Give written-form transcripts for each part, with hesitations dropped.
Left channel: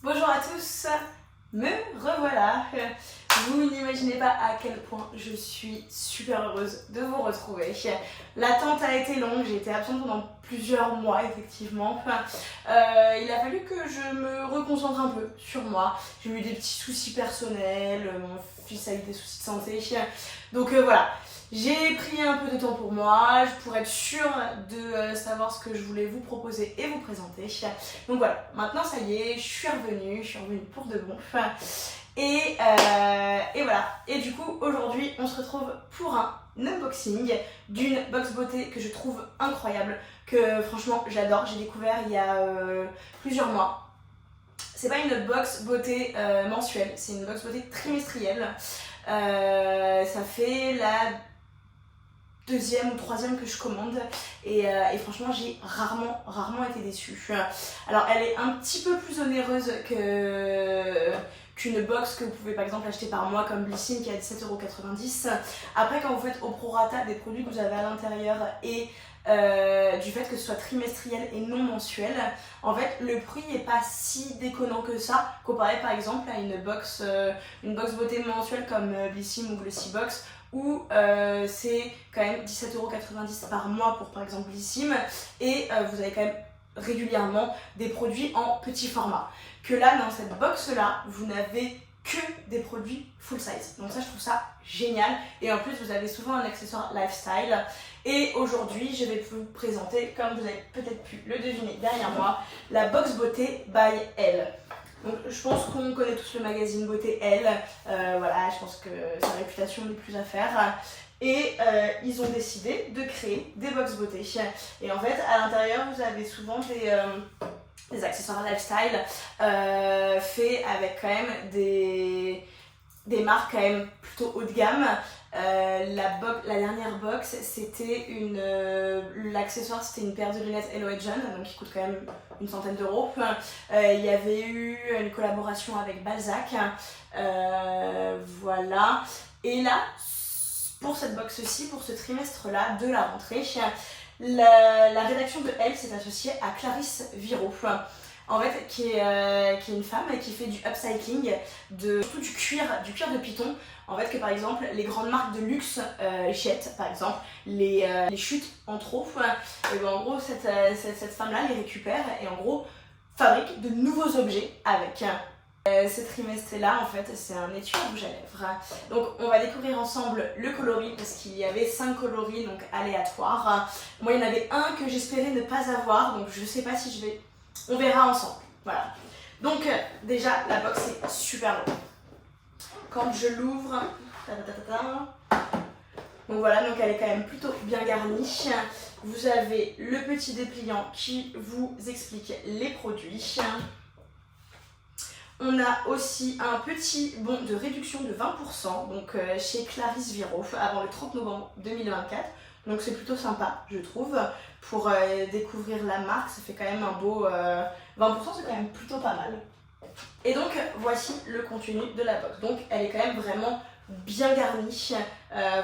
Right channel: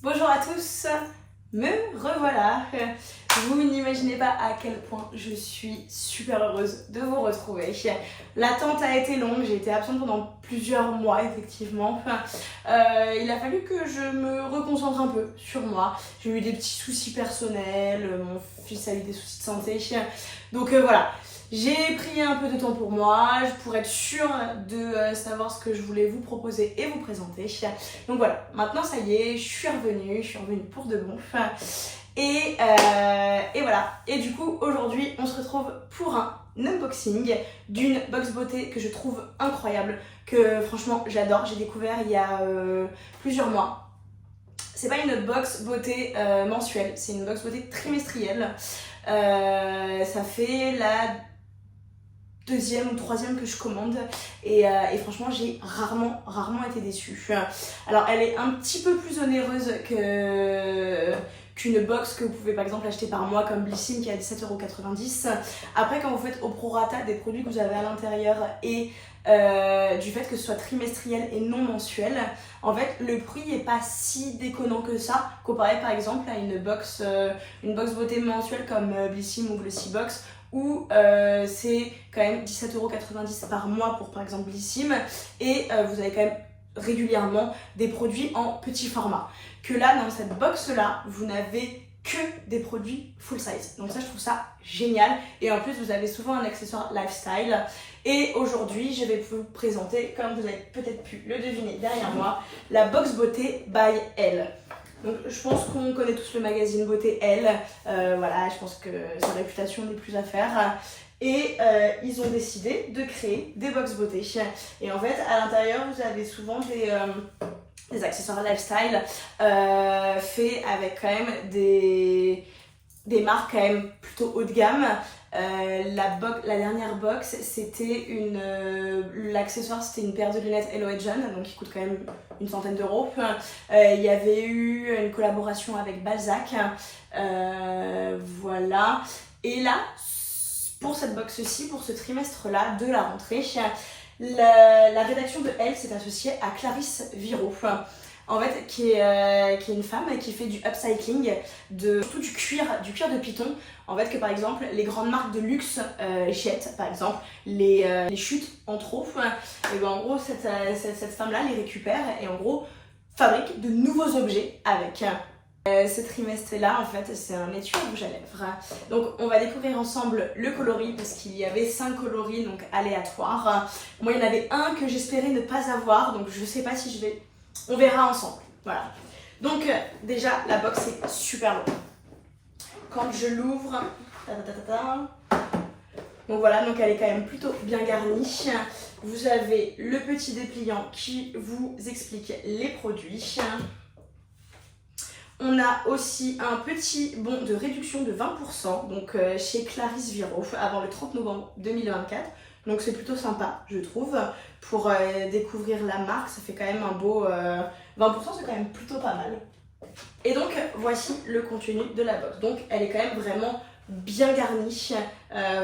Bonjour à tous, me revoilà. Vous n'imaginez pas à quel point je suis super heureuse de vous retrouver. L'attente a été longue, j'ai été absente pendant plusieurs mois effectivement. Il a fallu que je me reconcentre un peu sur moi. J'ai eu des petits soucis personnels, mon fils a eu des soucis de santé. Donc voilà. J'ai pris un peu de temps pour moi, pour être sûre de savoir ce que je voulais vous proposer et vous présenter. Donc voilà, maintenant ça y est, je suis revenue pour de bon. Et voilà, et du coup aujourd'hui on se retrouve pour un unboxing d'une box beauté que je trouve incroyable, que franchement j'adore, j'ai découvert il y a plusieurs mois. C'est pas une box beauté mensuelle, c'est une box beauté trimestrielle. Ça fait la deuxième ou troisième que je commande et franchement j'ai rarement été déçue. Alors elle est un petit peu plus onéreuse qu'une box que vous pouvez par exemple acheter par mois comme Blissim qui est à 17,90 €. Après quand vous faites au prorata des produits que vous avez à l'intérieur et du fait que ce soit trimestriel et non mensuel, en fait le prix n'est pas si déconnant que ça comparé par exemple à une box beauté mensuelle comme Blissim ou Glossybox où c'est quand même 17,90 € par mois pour par exemple Blissim et vous avez quand même régulièrement des produits en petit format. Que là, dans cette box là, vous n'avez que des produits full size. Donc ça, je trouve ça génial. Et en plus, vous avez souvent un accessoire lifestyle. Et aujourd'hui, je vais vous présenter, comme vous avez peut-être pu le deviner derrière moi, la box beauté by Elle. Donc je pense qu'on connaît tous le magazine beauté Elle, voilà, je pense que sa réputation n'est plus à faire. Et ils ont décidé de créer des box beauté. Et en fait, à l'intérieur, vous avez souvent des accessoires lifestyle faits avec quand même des marques quand même plutôt haut de gamme. La dernière box, c'était l'accessoire, c'était une paire de lunettes Hello John, donc qui coûte quand même une centaine d'euros. Il y avait eu une collaboration avec Balzac, voilà. Et là, pour cette box-ci, pour ce trimestre-là de la rentrée, la rédaction de Elle s'est associée à Clarisse Viro, en fait, qui est une femme qui fait du upcycling, surtout du cuir de python. En fait, que par exemple, les grandes marques de luxe, Hachette par exemple, les chutes en trop, et ben en gros, cette femme-là les récupère et en gros, fabrique de nouveaux objets avec. Ce trimestre-là, en fait, c'est un étui rouge à lèvres. Donc, on va découvrir ensemble le coloris parce qu'il y avait 5 coloris donc aléatoires. Moi, il y en avait un que j'espérais ne pas avoir, donc je sais pas si je vais. On verra ensemble. Voilà. Donc, déjà, la box est super longue. Quand je l'ouvre, donc voilà, donc elle est quand même plutôt bien garnie. Vous avez le petit dépliant qui vous explique les produits. On a aussi un petit bon de réduction de 20% donc chez Clarisse Viro avant le 30 novembre 2024. Donc c'est plutôt sympa, je trouve, pour découvrir la marque. Ça fait quand même un beau 20%, c'est quand même plutôt pas mal. Et donc voici le contenu de la box. Donc elle est quand même vraiment bien garnie.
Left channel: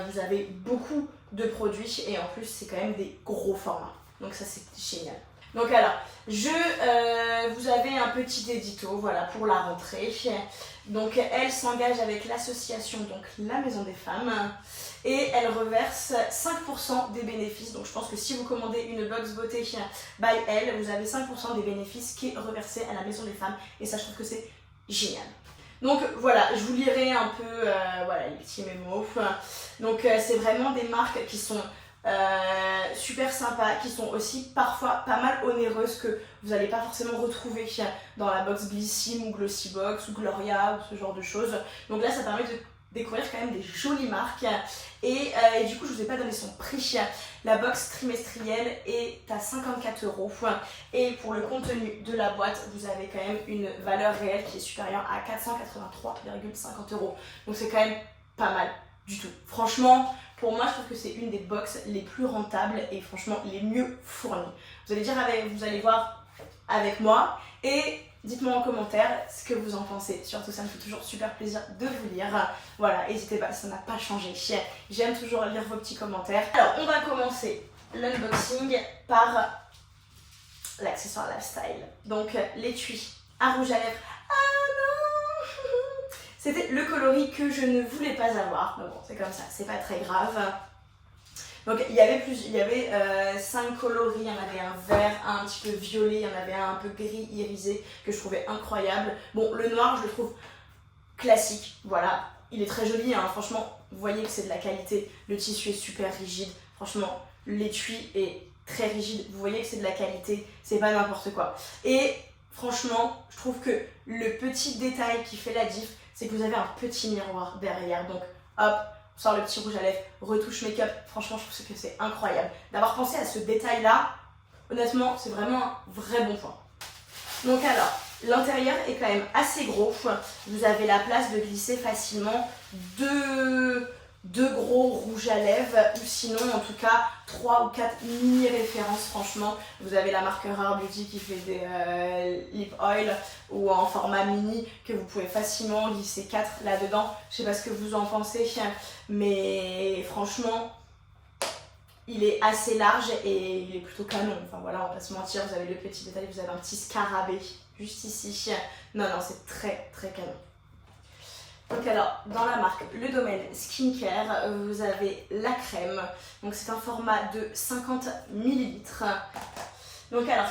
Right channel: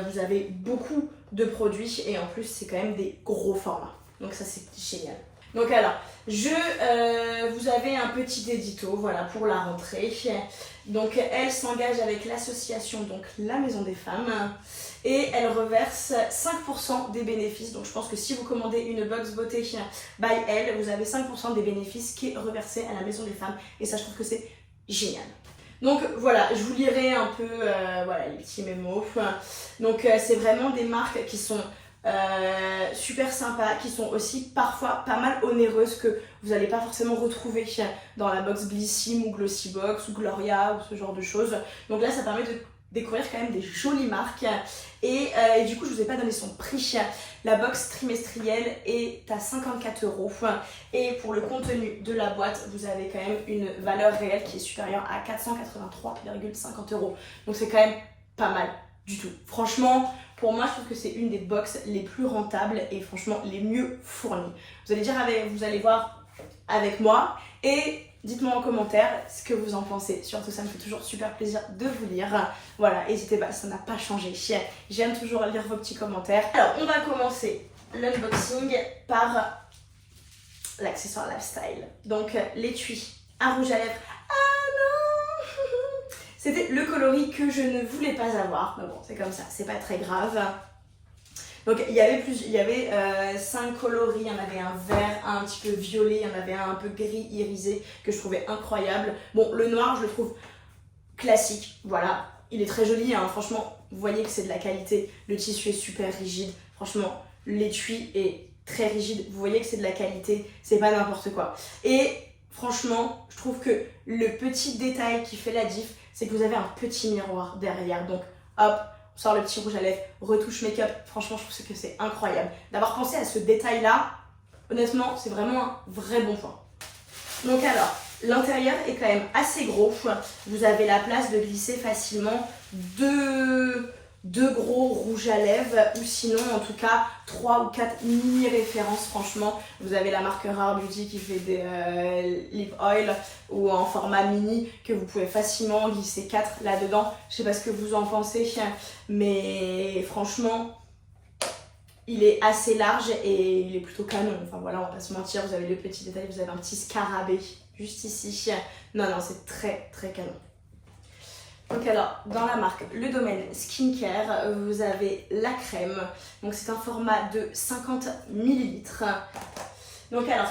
Vous avez beaucoup de produits et en plus c'est quand même des gros formats. Donc ça c'est génial. Donc alors, vous avez un petit édito voilà, pour la rentrée. Donc elle s'engage avec l'association donc la Maison des Femmes et elle reverse 5% des bénéfices. Donc je pense que si vous commandez une box beauté by Elle, vous avez 5% des bénéfices qui est reversé à la Maison des Femmes et ça je trouve que c'est génial. Donc voilà, je vous lirai un peu voilà, les petits mémos. Donc c'est vraiment des marques qui sont super sympas, qui sont aussi parfois pas mal onéreuses que vous n'allez pas forcément retrouver dans la box Blissim ou Glossybox ou Gloria ou ce genre de choses. Donc là ça permet de découvrir quand même des jolies marques et du coup je vous ai pas donné son prix. La box trimestrielle est à 54 € et pour le contenu de la boîte vous avez quand même une valeur réelle qui est supérieure à 483,50 €. Donc c'est quand même pas mal du tout. Franchement, pour moi, je trouve que c'est une des box les plus rentables et franchement les mieux fournies. Vous allez voir avec moi et dites-moi en commentaire ce que vous en pensez. Surtout, ça me fait toujours super plaisir de vous lire. Voilà, n'hésitez pas, ça n'a pas changé. J'aime toujours lire vos petits commentaires. Alors, on va commencer l'unboxing par l'accessoire lifestyle. Donc, l'étui à rouge à lèvres C'était le coloris que je ne voulais pas avoir. Mais bon, c'est comme ça, c'est pas très grave. Donc il y avait 5 coloris, il y en avait un vert, un petit peu violet, il y en avait un peu gris irisé que je trouvais incroyable. Bon, le noir, je le trouve classique, voilà. Il est très joli, hein. Franchement, vous voyez que c'est de la qualité. Le tissu est super rigide. Franchement, l'étui est très rigide. Vous voyez que c'est de la qualité, c'est pas n'importe quoi. Et franchement, je trouve que le petit détail qui fait la diff, c'est que vous avez un petit miroir derrière. Donc, hop, on sort le petit rouge à lèvres, retouche make-up. Franchement, je trouve que c'est incroyable. D'avoir pensé à ce détail-là, honnêtement, c'est vraiment un vrai bon point. Donc alors, l'intérieur est quand même assez gros. Vous avez la place de glisser facilement deux gros rouges à lèvres ou sinon en tout cas 3 ou 4 mini références. Franchement, vous avez la marque Rare Beauty qui fait des lip oil ou en format mini que vous pouvez facilement glisser 4 là-dedans. Je sais pas ce que vous en pensez, mais franchement il est assez large et il est plutôt canon. Enfin voilà, on va pas se mentir, vous avez le petit détail, vous avez un petit scarabée juste ici. Non, c'est très très canon. Donc alors, dans la marque Le Domaine Skincare, vous avez la crème. Donc c'est un format de 50 ml. Donc alors,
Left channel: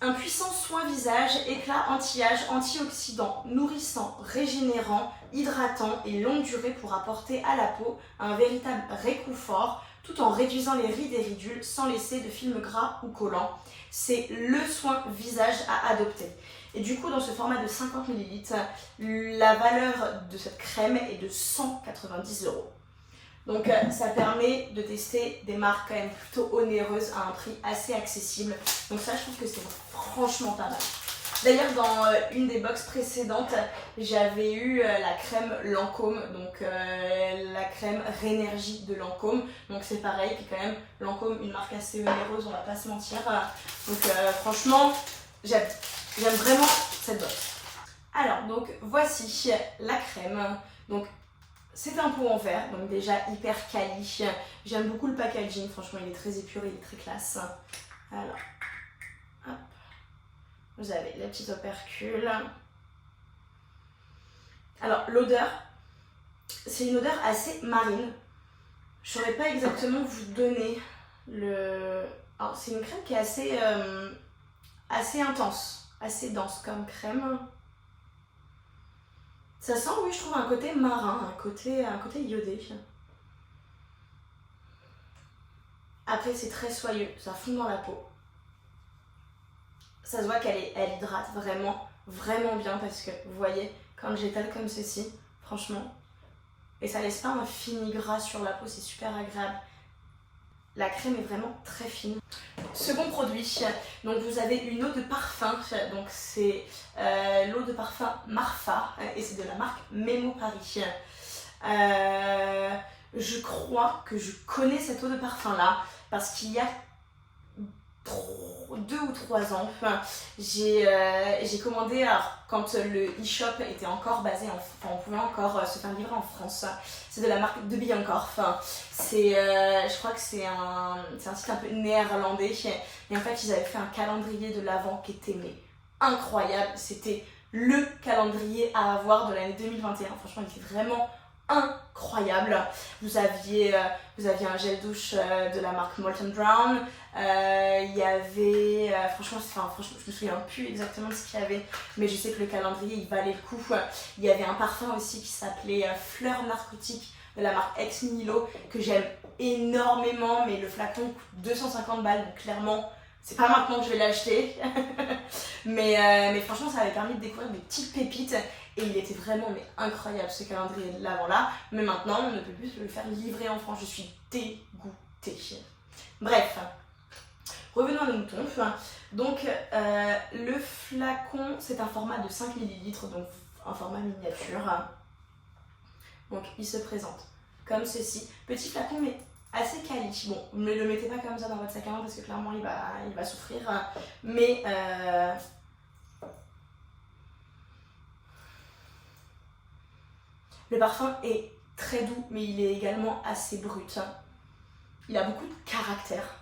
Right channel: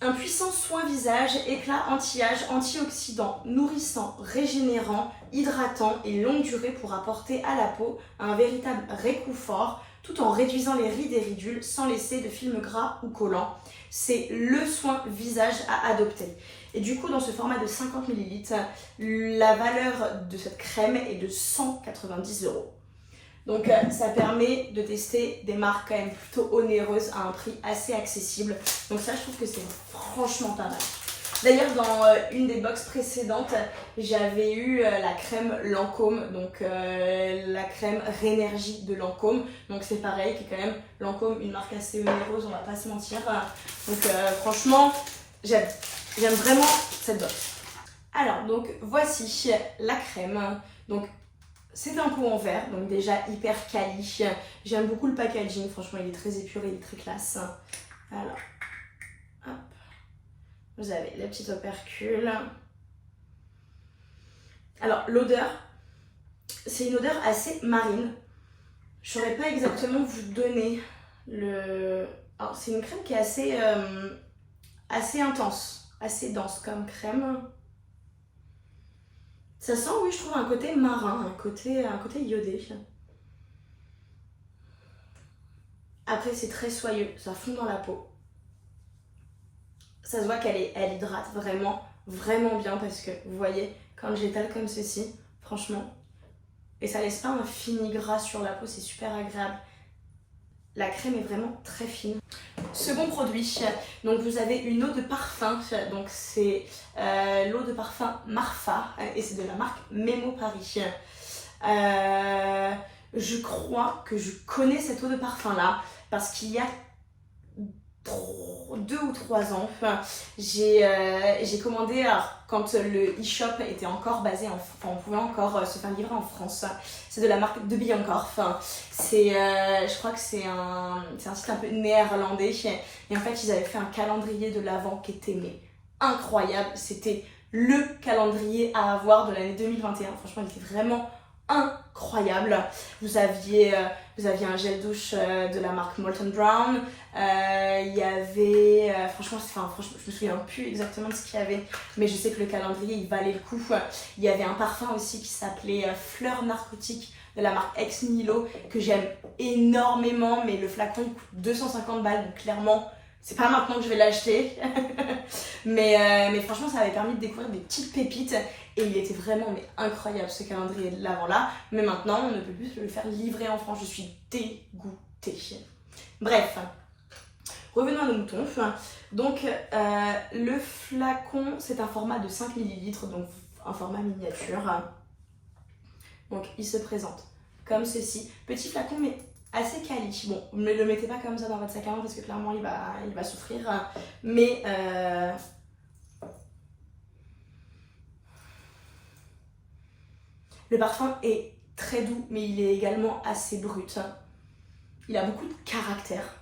un puissant soin visage, éclat anti-âge, antioxydant, nourrissant, régénérant, hydratant et longue durée pour apporter à la peau un véritable réconfort tout en réduisant les rides et ridules sans laisser de film gras ou collant. C'est le soin visage à adopter. Et du coup, dans ce format de 50 ml, la valeur de cette crème est de 190 €. Donc ça permet de tester des marques quand même plutôt onéreuses à un prix assez accessible. Donc ça, je trouve que c'est franchement pas mal. D'ailleurs, dans une des box précédentes, j'avais eu la crème Lancôme, donc la crème Rénergie de Lancôme. Donc c'est pareil, qui est quand même Lancôme, une marque assez onéreuse, on va pas se mentir. Donc franchement, j'aime vraiment cette box. Alors, donc voici la crème. Donc c'est un pot en verre, donc déjà hyper quali. J'aime beaucoup le packaging, franchement il est très épuré, il est très classe. Alors, hop. Vous avez les petits opercules. Alors l'odeur, c'est une odeur assez marine. Je ne saurais pas exactement vous donner le... Alors c'est une crème qui est assez intense, assez dense comme crème. Ça sent, oui, je trouve un côté marin, un côté iodé. Après c'est très soyeux, ça fond dans la peau. Ça se voit qu'elle hydrate vraiment bien parce que vous voyez, quand j'étale comme ceci, franchement, et ça laisse pas un fini gras sur la peau, c'est super agréable. La crème est vraiment très fine. Second produit, donc vous avez une eau de parfum, donc c'est l'eau de parfum Marfa et c'est de la marque Memo Paris. Je crois que je connais cette eau de parfum là parce qu'il y a 2 ou 3 ans, j'ai commandé, alors, quand le e-shop était encore basé on pouvait encore se faire livrer en France. C'est de la marque De Biancorf. Je crois que c'est un site un peu néerlandais et en fait ils avaient fait un calendrier de l'Avent qui était incroyable. C'était le calendrier à avoir de l'année 2021. Franchement il était vraiment incroyable. Vous aviez un gel douche de la marque Molten Brown. Il y avait franchement je me souviens plus exactement de ce qu'il y avait, mais je sais que le calendrier il valait le coup. Il y avait un parfum aussi qui s'appelait Fleur Narcotique de la marque Ex Nihilo que j'aime énormément, mais le flacon il coûte 250 balles, donc clairement c'est pas maintenant que je vais l'acheter. mais franchement ça avait permis de découvrir des petites pépites et il était vraiment incroyable ce calendrier de l'Avent là. Mais maintenant on ne peut plus le faire livrer en France, je suis dégoûtée. Bref, revenons à nos moutons. Donc le flacon c'est un format de 5 ml, donc un format miniature. Donc il se présente comme ceci, petit flacon mais assez quali. Bon, ne le mettez pas comme ça dans votre sac à main parce que clairement il va souffrir, mais le parfum est très doux mais il est également assez brut. Il a beaucoup de caractère.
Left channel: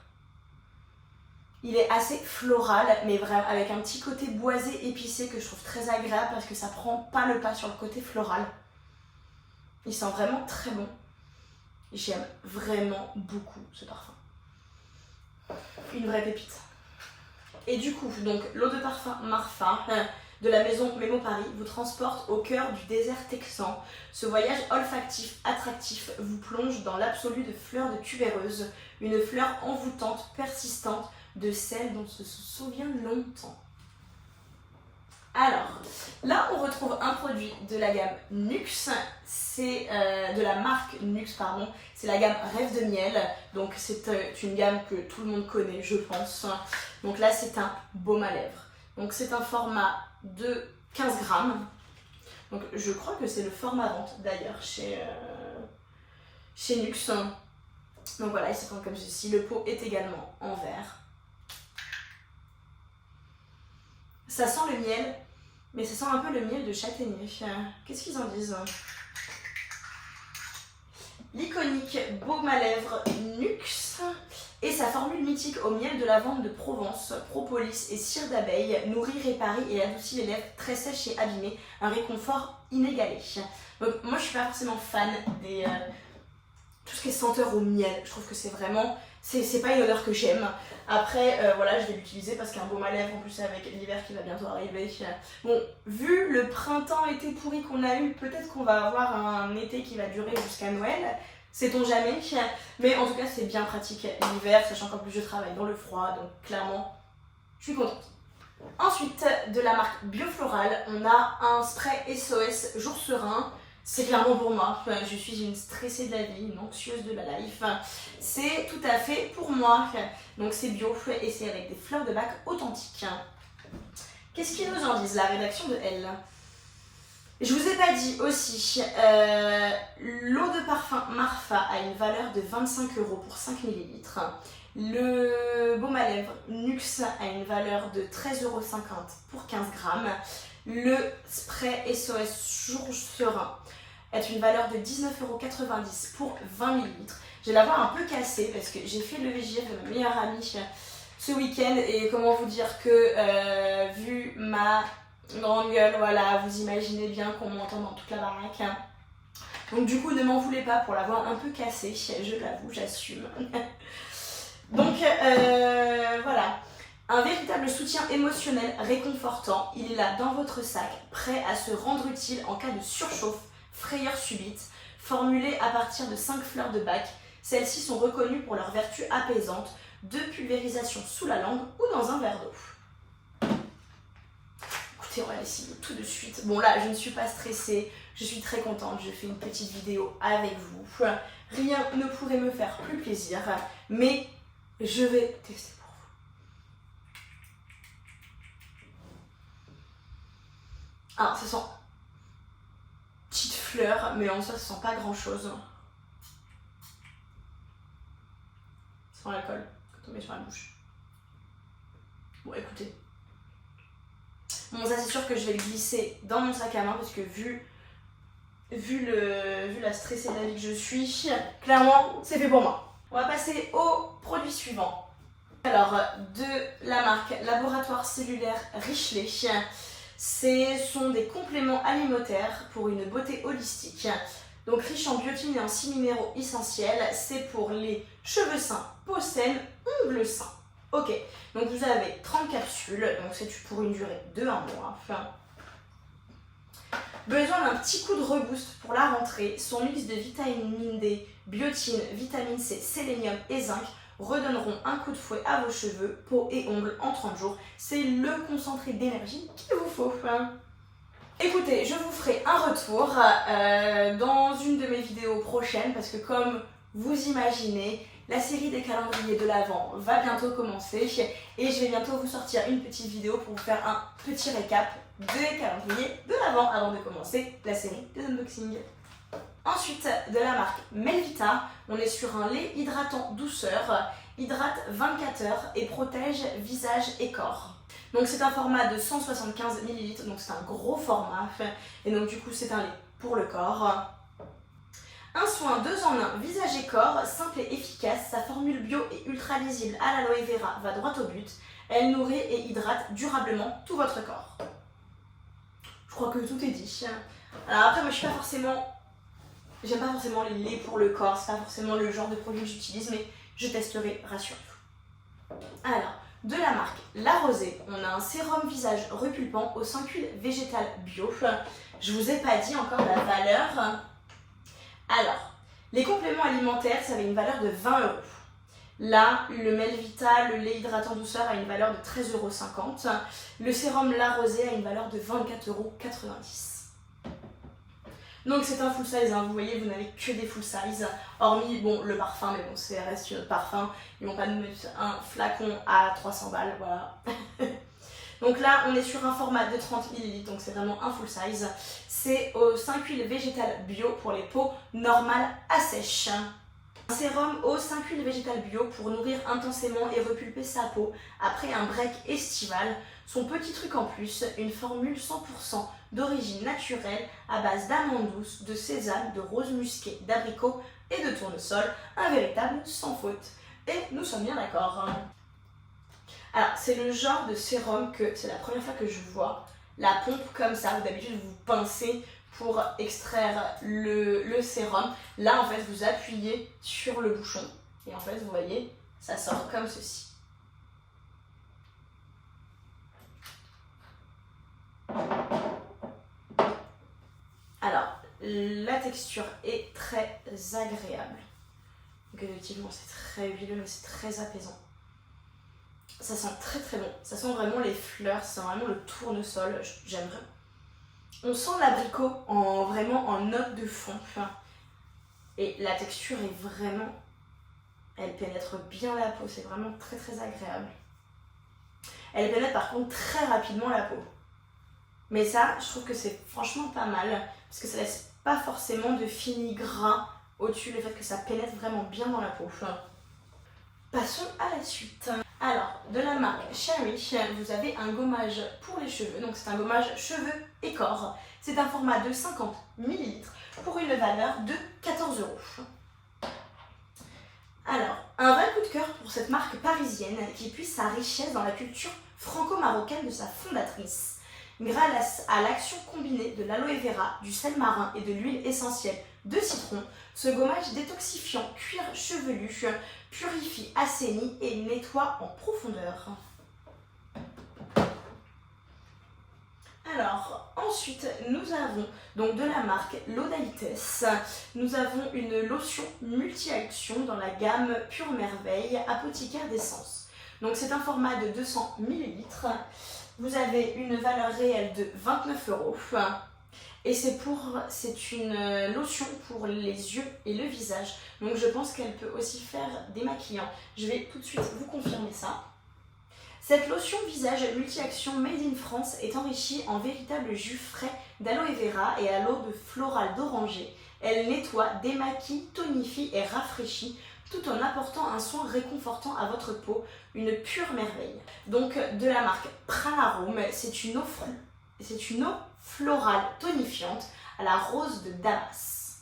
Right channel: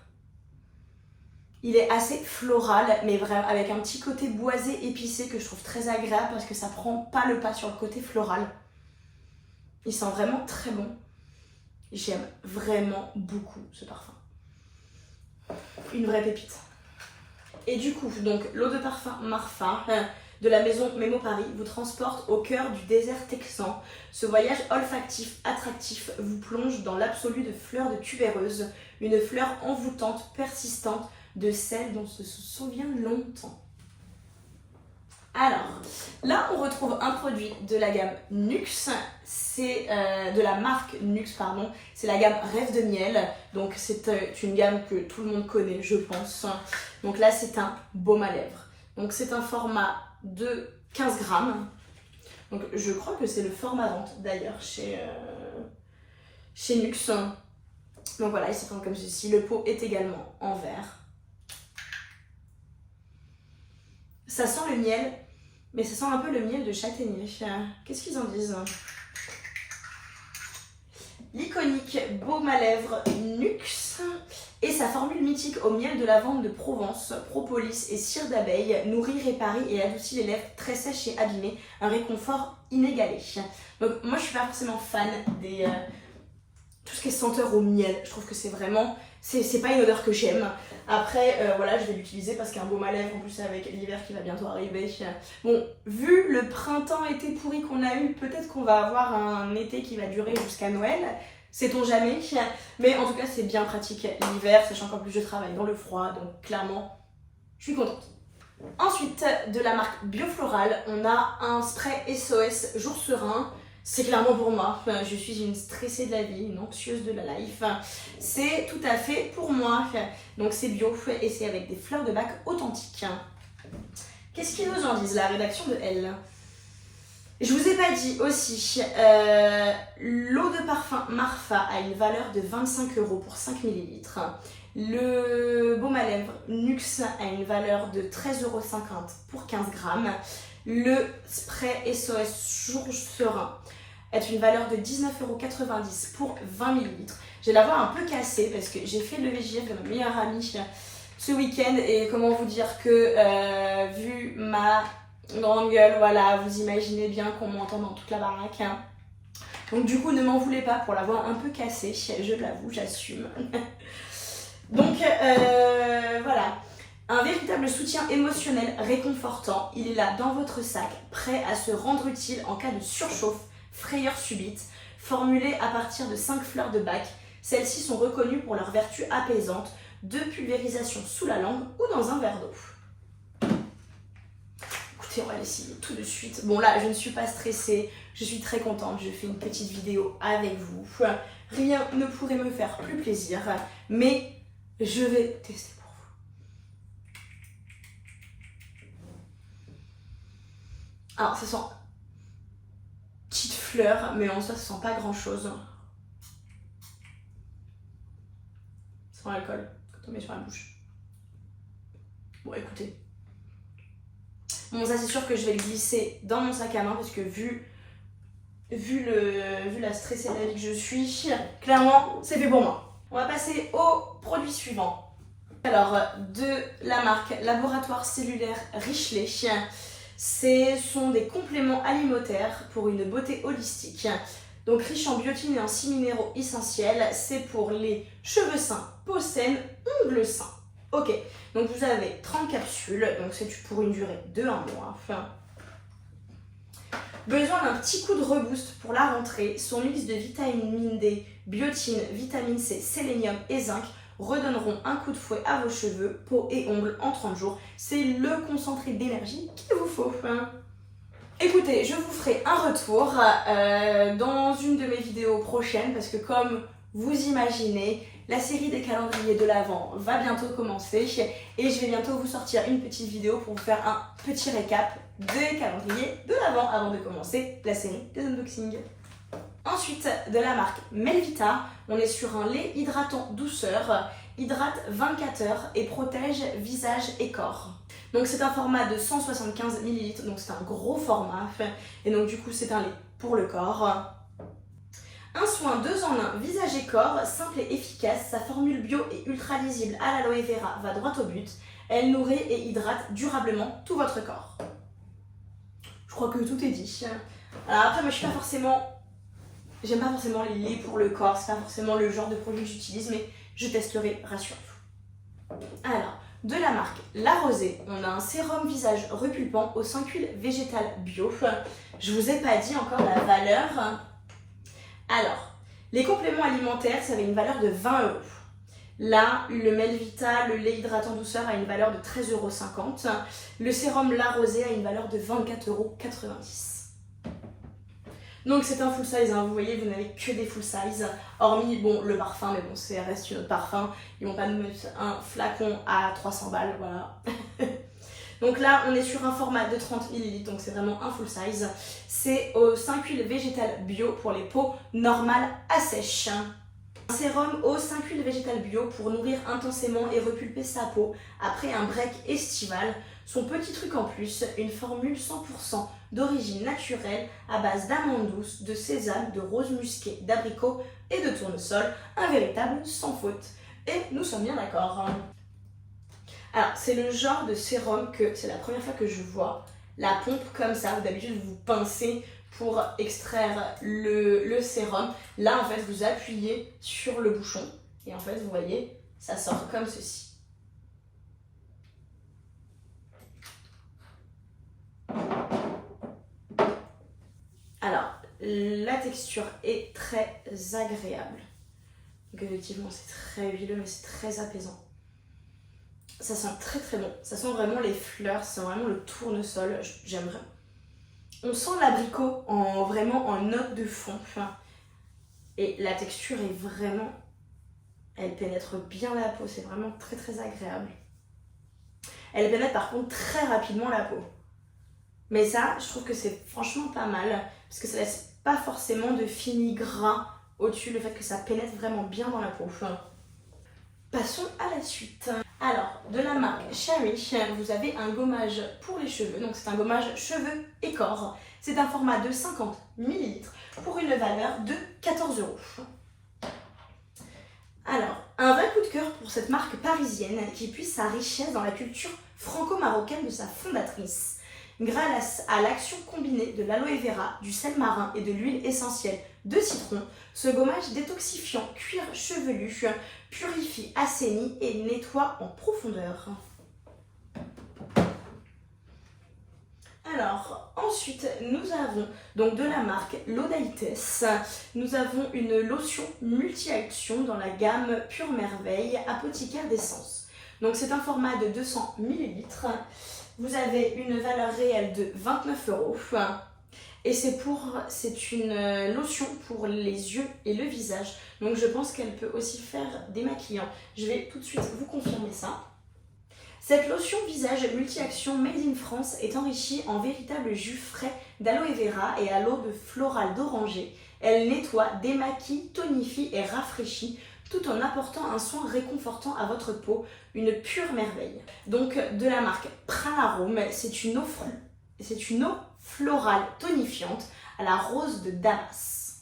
Il est assez floral, mais vraiment avec un petit côté boisé épicé que je trouve très agréable parce que ça prend pas le pas sur le côté floral. Il sent vraiment très bon. J'aime vraiment beaucoup ce parfum. Une vraie pépite. Et du coup, donc l'eau de parfum Marfa de la maison Memo Paris vous transporte au cœur du désert texan. Ce voyage olfactif, attractif vous plonge dans l'absolu de fleurs de tubéreuse, une fleur envoûtante, persistante, de celle dont on se souvient longtemps. Alors, là on retrouve un produit de la gamme Nuxe, c'est de la marque Nuxe, pardon, c'est la gamme Rêve de Miel, donc c'est une gamme que tout le monde connaît, je pense. Donc là c'est un baume à lèvres, donc c'est un format de 15 grammes, donc je crois que c'est le format vente d'ailleurs chez Nuxe. Donc voilà, il se prend comme ceci, le pot est également en verre. Ça sent le miel, mais ça sent un peu le miel de châtaignier. Qu'est-ce qu'ils en disent? L'iconique baume à lèvres Nuxe et sa formule mythique au miel de lavande de Provence, propolis et cire d'abeille nourrit, réparait et adoucit les lèvres très sèches et abîmées, un réconfort inégalé. Donc moi je suis pas forcément fan des tout ce qui est senteur au miel. Je trouve que c'est vraiment c'est pas une odeur que j'aime. Après, voilà, je vais l'utiliser parce qu'un baume à lèvres, en plus avec l'hiver qui va bientôt arriver. Bon, vu le printemps-été pourri qu'on a eu, peut-être qu'on va avoir un été qui va durer jusqu'à Noël. Sait-on jamais. Mais en tout cas, c'est bien pratique l'hiver, sachant qu'en plus je travaille dans le froid. Donc clairement, je suis contente. Ensuite, de la marque Biofloral, on a un spray SOS Jour Serein. C'est clairement pour moi, je suis une stressée de la vie, une anxieuse de la life. C'est tout à fait pour moi. Donc c'est bio et c'est avec des fleurs de bac authentiques. Qu'est-ce qu'ils nous en disent, la rédaction de Elle? Je vous ai pas dit aussi, l'eau de parfum Marfa a une valeur de 25 € pour 5 ml. Le baume à lèvres Nuxe a une valeur de 13,50 € pour 15 grammes. Le spray SOS Jour Serein est une valeur de 19,90 € pour 20 ml. Je vais l'avoir un peu cassée parce que j'ai fait le VGF de ma meilleure amie ce week-end et comment vous dire que vu ma grande gueule, voilà, vous imaginez bien qu'on m'entend dans toute la baraque. Donc du coup, ne m'en voulez pas pour l'avoir un peu cassée, je l'avoue, j'assume. Donc voilà. Un véritable soutien émotionnel réconfortant, il est là dans votre sac, prêt à se rendre utile en cas de surchauffe, frayeur subite, formulé à partir de 5 fleurs de bac. Celles-ci sont reconnues pour leur vertu apaisante, de pulvérisation sous la langue ou dans un verre d'eau. Écoutez, on va essayer tout de suite. Bon là, je ne suis pas stressée, je suis très contente, je fais une petite vidéo avec vous. Rien ne pourrait me faire plus plaisir, mais je vais tester. Alors, ça sent petite fleur, mais en soi, ça sent pas grand chose. Ça sent l'alcool quand on met sur la bouche. Bon, écoutez. Bon, ça, c'est sûr que je vais le glisser dans mon sac à main parce que vu la stressée de la vie que je suis, clairement, c'est fait pour moi. On va passer au produit suivant. Alors, de la marque Laboratoire Cellulaire Richelet. Ce sont des compléments alimentaires pour une beauté holistique. Donc riche en biotine et en 6 minéraux essentiels. C'est pour les cheveux sains, peau saine, ongles sains. Ok, donc vous avez 30 capsules, donc c'est pour une durée de 1 mois. Besoin d'un petit coup de reboost pour la rentrée. Son mix de vitamine D, biotine, vitamine C, sélénium et zinc redonneront un coup de fouet à vos cheveux, peau et ongles en 30 jours. C'est le concentré d'énergie qu'il vous faut. Écoutez, je vous ferai un retour dans une de mes vidéos prochaines parce que comme vous imaginez, la série des calendriers de l'Avent va bientôt commencer et je vais bientôt vous sortir une petite vidéo pour vous faire un petit récap des calendriers de l'Avent avant de commencer la série des unboxings. Ensuite, de la marque Melvita, on est sur un lait hydratant douceur, hydrate 24 heures et protège visage et corps. Donc c'est un format de 175 ml, donc c'est un gros format. Et donc du coup c'est un lait pour le corps. Un soin 2 en 1, visage et corps, simple et efficace. Sa formule bio et ultra lisible à l'aloe vera va droit au but. Elle nourrit et hydrate durablement tout votre corps. Je crois que tout est dit. Alors après, moi je suis pas forcément... J'aime pas forcément les laits pour le corps, c'est pas forcément le genre de produit que j'utilise, mais je testerai, rassurez-vous. Alors, de la marque La Rosée, on a un sérum visage repulpant au 5 huiles végétales bio. Je vous ai pas dit encore la valeur. Alors, les compléments alimentaires, ça avait une valeur de 20 €. Là, le Melvita, le lait hydratant douceur a une valeur de 13,50 €. Le sérum La Rosée a une valeur de 24,90 €. Donc c'est un full size, hein. Vous voyez, vous n'avez que des full size, hormis bon, le parfum, mais bon, ça reste notre parfum. Ils vont pas nous mettre un flacon à 300 balles, voilà. Donc là, on est sur un format de 30 ml, donc c'est vraiment un full size. C'est aux 5 huiles végétales bio pour les peaux normales à sèche. Un sérum aux 5 huiles végétales bio pour nourrir intensément et repulper sa peau après un break estival. Son petit truc en plus, une formule 100% d'origine naturelle à base d'amandes douces, de sésame, de rose musquée, d'abricot et de tournesol. Un véritable sans faute. Et nous sommes bien d'accord. Alors, c'est le genre de sérum que c'est la première fois que je vois. La pompe comme ça, d'habitude vous pincez pour extraire le sérum. Là, en fait, vous appuyez sur le bouchon et en fait, vous voyez, ça sort comme ceci. Alors, la texture est très agréable. Donc effectivement, c'est très huileux, mais c'est très apaisant. Ça sent très très bon. Ça sent vraiment les fleurs, ça sent vraiment le tournesol. J'aime vraiment. On sent l'abricot vraiment en note de fond. Et la texture est vraiment... Elle pénètre bien la peau, c'est vraiment très très agréable. Elle pénètre par contre très rapidement la peau. Mais ça, je trouve que c'est franchement pas mal, parce que ça laisse pas forcément de fini gras au-dessus, le fait que ça pénètre vraiment bien dans la peau. Passons à la suite. Alors, de la marque Cherry, vous avez un gommage pour les cheveux. Donc c'est un gommage cheveux et corps. C'est un format de 50 ml pour une valeur de 14 €. Alors, un vrai coup de cœur pour cette marque parisienne qui puise sa richesse dans la culture franco-marocaine de sa fondatrice. Grâce à l'action combinée de l'aloe vera, du sel marin et de l'huile essentielle de citron, ce gommage détoxifiant cuir chevelu purifie, assainit et nettoie en profondeur. Alors, ensuite, nous avons donc de la marque L'Odalites. Nous avons une lotion multi-action dans la gamme Pure Merveille Apothicaire d'essence. Donc, c'est un format de 200 ml. Vous avez une valeur réelle de 29 €. Et c'est une lotion pour les yeux et le visage. Donc je pense qu'elle peut aussi faire démaquillant. Je vais tout de suite vous confirmer ça. Cette lotion visage multi-action made in France est enrichie en véritable jus frais d'aloe vera et à l'eau de floral d'oranger. Elle nettoie, démaquille, tonifie et rafraîchit tout en apportant un soin réconfortant à votre peau, une pure merveille. Donc de la marque Pranarome, c'est une eau florale tonifiante à la rose de Damas.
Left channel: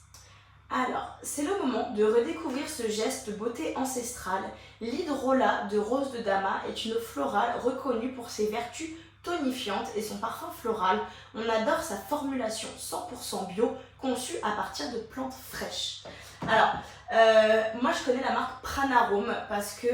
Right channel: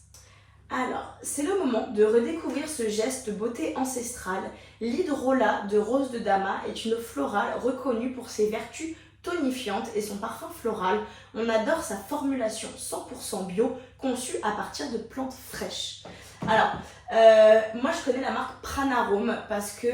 Alors, c'est le moment de redécouvrir ce geste beauté ancestrale. L'hydrolat de rose de Damas est une eau florale reconnue pour ses vertus tonifiantes et son parfum floral. On adore sa formulation 100% bio, conçue à partir de plantes fraîches. Alors, moi je connais la marque Pranarome parce que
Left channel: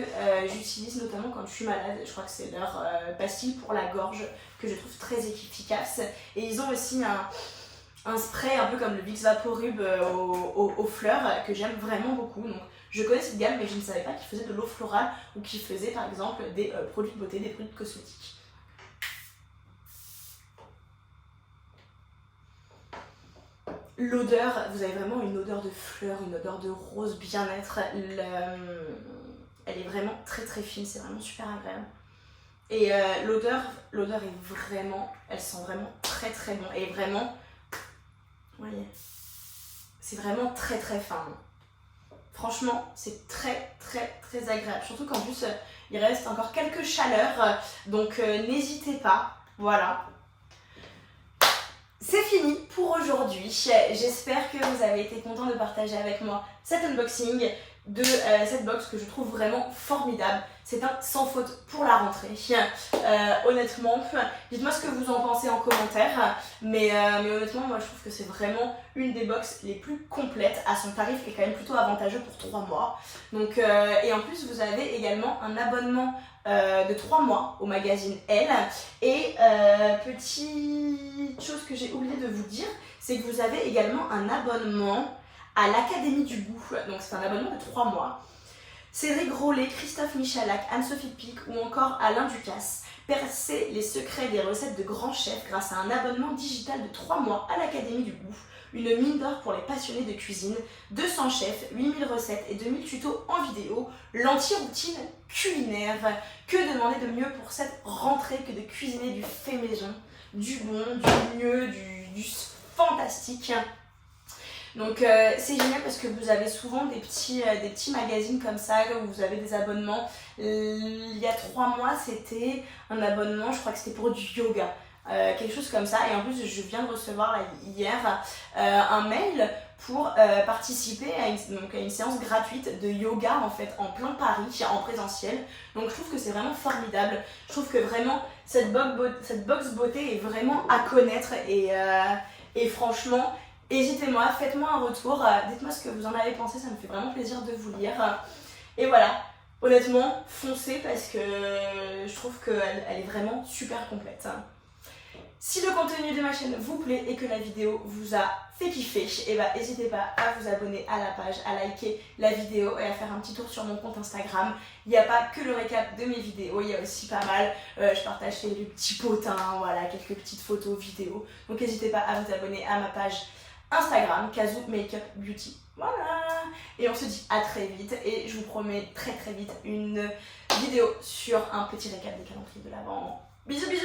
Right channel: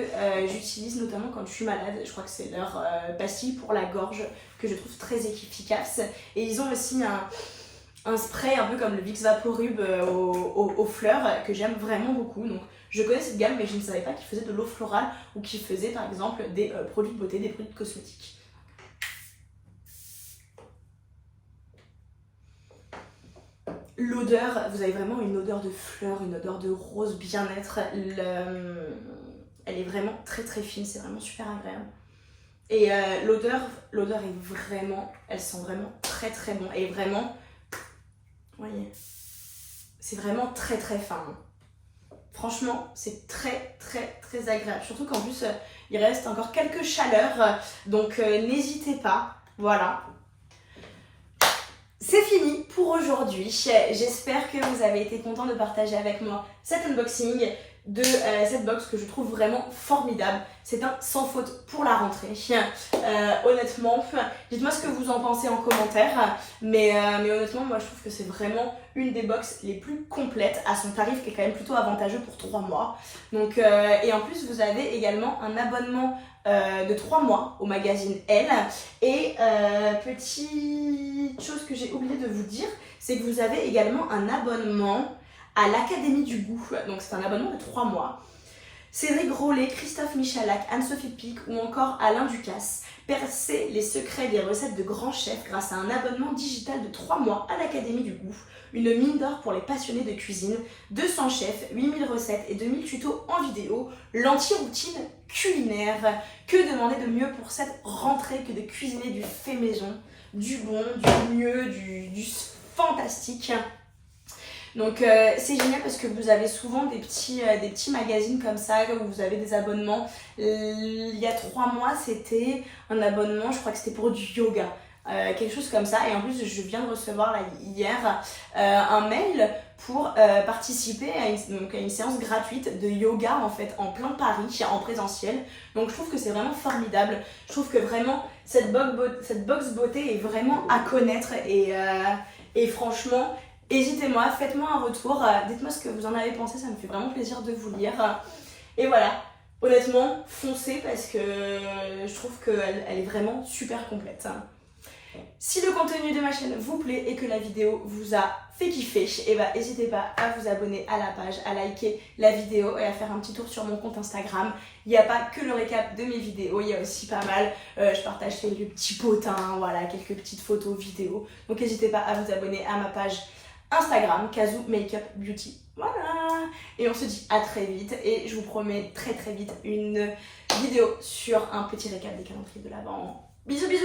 j'utilise notamment quand je suis malade. Je crois que c'est leur pastille pour la gorge que je trouve très efficace. Et ils ont aussi un spray un peu comme le Vicks Vaporub aux fleurs que j'aime vraiment beaucoup. Donc je connais cette gamme, mais je ne savais pas qu'ils faisaient de l'eau florale ou qu'ils faisaient par exemple des produits de beauté, des produits de cosmétiques. L'odeur, vous avez vraiment une odeur de fleurs, une odeur de rose, bien-être. Elle est vraiment très très fine, c'est vraiment super agréable. Et l'odeur est vraiment, elle sent vraiment très très bon. Et vraiment, vous voyez, c'est vraiment très très fin. Franchement, c'est très très très agréable. Surtout qu'en plus, il reste encore quelques chaleurs. Donc n'hésitez pas, voilà. C'est fini pour aujourd'hui. J'espère que vous avez été contents de partager avec moi cet unboxing de cette box que je trouve vraiment formidable. C'est un sans faute pour la rentrée. Honnêtement, dites-moi ce que vous en pensez en commentaire. Mais honnêtement, moi je trouve que c'est vraiment une des box les plus complètes à son tarif qui est quand même plutôt avantageux pour 3 mois. Donc, et en plus, vous avez également un abonnement de 3 mois au magazine Elle. Et petite chose que j'ai oublié de vous dire, c'est que vous avez également un abonnement à l'Académie du goût. Donc c'est un abonnement de 3 mois. Cédric Grolet, Christophe Michalak, Anne-Sophie Pic ou encore Alain Ducasse percez les secrets des recettes de grands chefs grâce à un abonnement digital de 3 mois à l'Académie du goût. Une mine d'or pour les passionnés de cuisine, 200 chefs, 8000 recettes et 2000 tutos en vidéo, l'anti-routine culinaire. Que demander de mieux pour cette rentrée que de cuisiner du fait maison, du bon, du mieux, du fantastique. Donc c'est génial parce que vous avez souvent des petits magazines comme ça où vous avez des abonnements. Il y a 3 mois, c'était un abonnement, je crois que c'était pour du yoga. Quelque chose comme ça, et en plus je viens de recevoir là, hier un mail pour participer à une séance gratuite de yoga en fait en plein Paris, en présentiel. Donc je trouve que c'est vraiment formidable. Je trouve que vraiment cette box beauté est vraiment à connaître et franchement, n'hésitez-moi, faites-moi un retour, dites-moi ce que vous en avez pensé, ça me fait vraiment plaisir de vous lire. Et voilà, honnêtement, foncez parce que je trouve qu'elle est vraiment super complète. Si le contenu de ma chaîne vous plaît et que la vidéo vous a fait kiffer, et bah n'hésitez pas à vous abonner à la page, à liker la vidéo et à faire un petit tour sur mon compte Instagram. Il n'y a pas que le récap de mes vidéos, il y a aussi pas mal, je partage quelques petits potins, voilà, quelques petites photos, vidéos. Donc n'hésitez pas à vous abonner à ma page Instagram, Kazoo Makeup Beauty. Voilà. Et on se dit à très vite et je vous promets très vite une vidéo sur un petit récap des calendriers de l'Avent. Bisous bisous.